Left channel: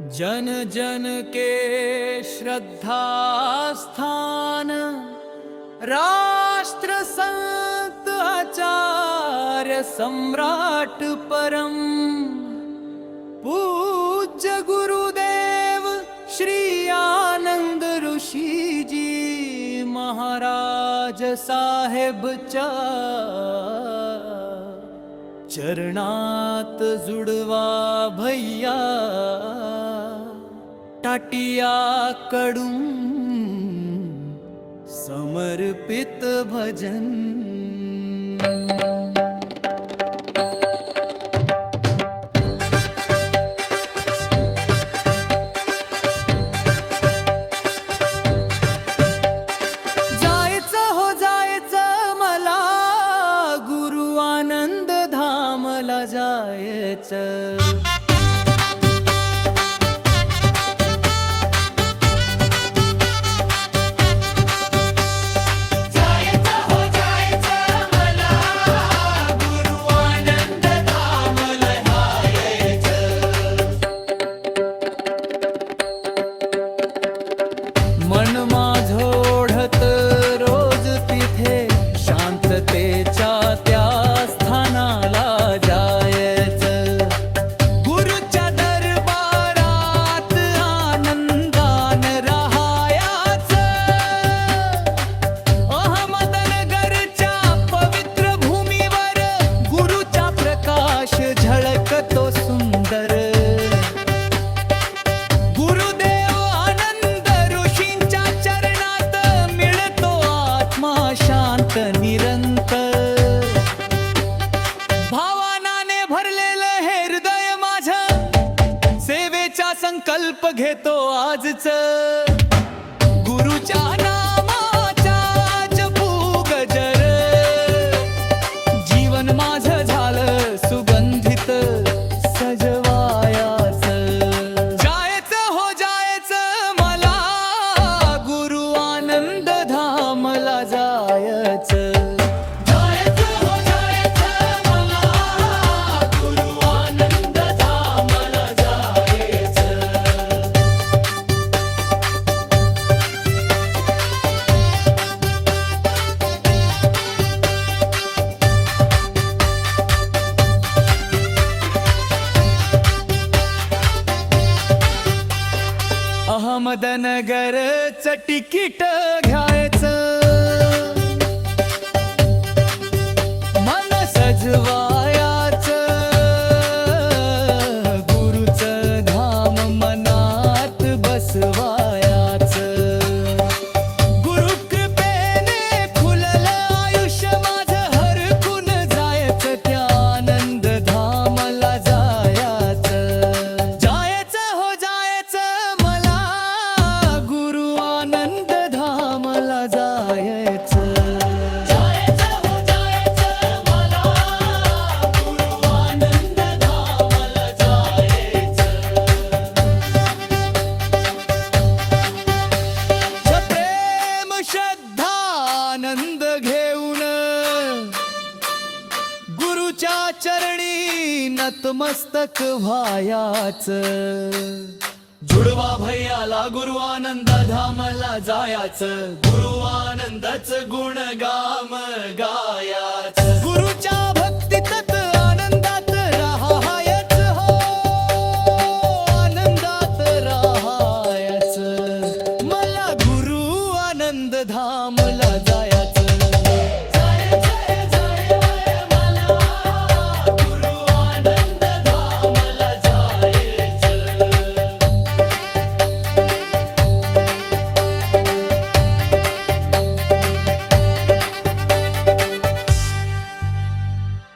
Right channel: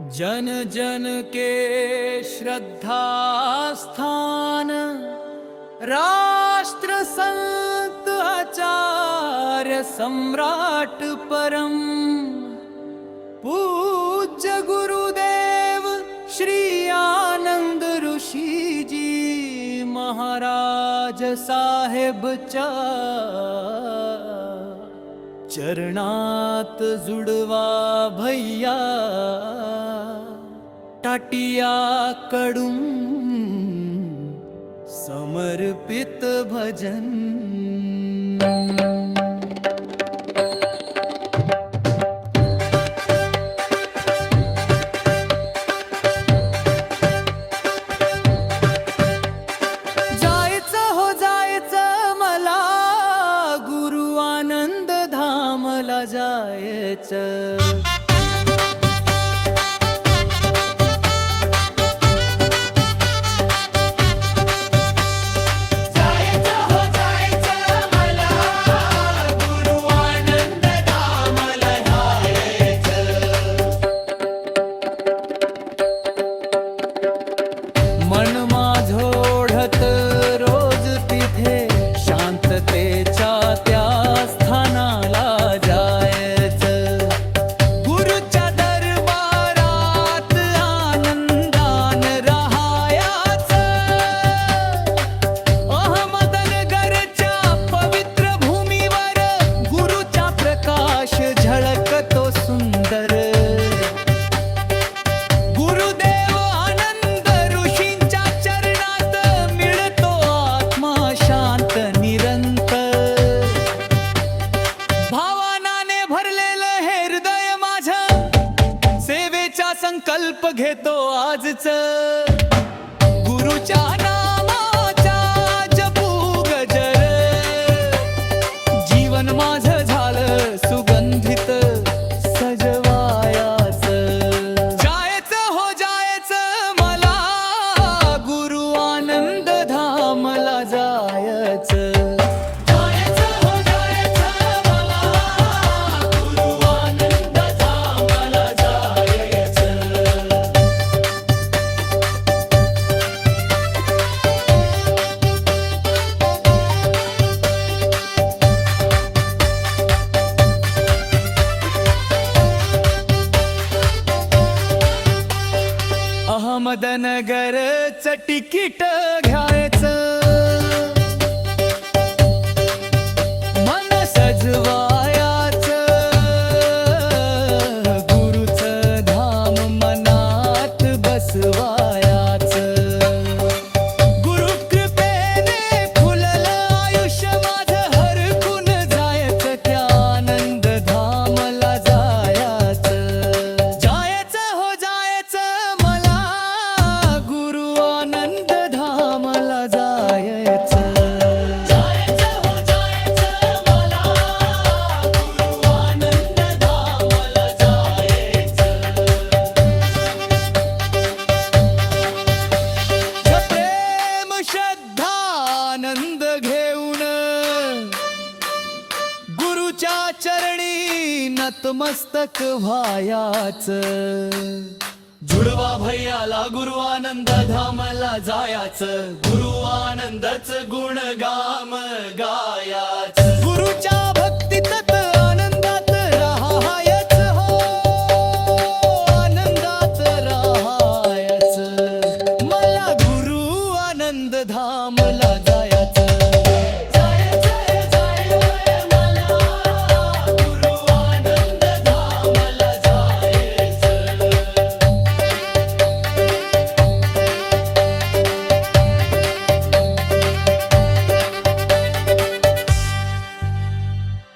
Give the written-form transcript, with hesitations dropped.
जन जन के श्रद्धा स्थान, राष्ट्र संत आचार्य सम्राट परम, पूज्य गुरुदेव श्री आनंद ऋषि जी महाराज साहेबच्या चरणात जुडवा भैया टाटिया कडून समर्पित भजन। जायचं हो जायचं मला गुरु आनंद धामला जायचं। मन माझं ओढत रोज तिथे शांततेच्या त्या स्थानाला जायचं। गुरुच्या दरबारात आनंदान राहायचं। अहमदनगरच्या पवित्र भूमीवर गुरुचा प्रकाश झळकतो सुंदर। गुरुदेव आनंद ऋषींच्या चरणात मिळतो आत्मा शांत निरंतर। भावनाने भरलेलं हे हृदय माझं सेवेचा संकल्प घेतो आजच। गुरुच्या नामाचा जपू गजर, जीवन माझं झालं सुगंधित सजवायाचं। जायचं हो जायचं मला गुरु आनंद धामला जायचं। जायचं हो जायचं मला गुरु आनंद धामला जायचं। अहमदनगरचं तिकीट घ्यायचं, मन सजवायाचं। गुरुचं धाम मनात बसवायाचं। गुरुकृपेने खुललं आयुष्य माझं हरकून जायचं त्या आनंद धामला जायचं। जायचं हो जायचं मला गुरु आनंद धामला जायचं। जायचं हो जायचं मला गुरु आनंद धामला जायचं। प्रेम श्रद्धा आनंद घेऊन गुरुच्या चरणी नतमस्तक व्हायाचं। जुडवा भैयाला गुरु आनंद धामला जायाचं। गुरु आनंदच गुणगाम गायाचं। गुरुच्या भक्तीत आनंदात राहायचं हो, आनंदात राहायचं। मला गुरु आनंद धामला जायचं।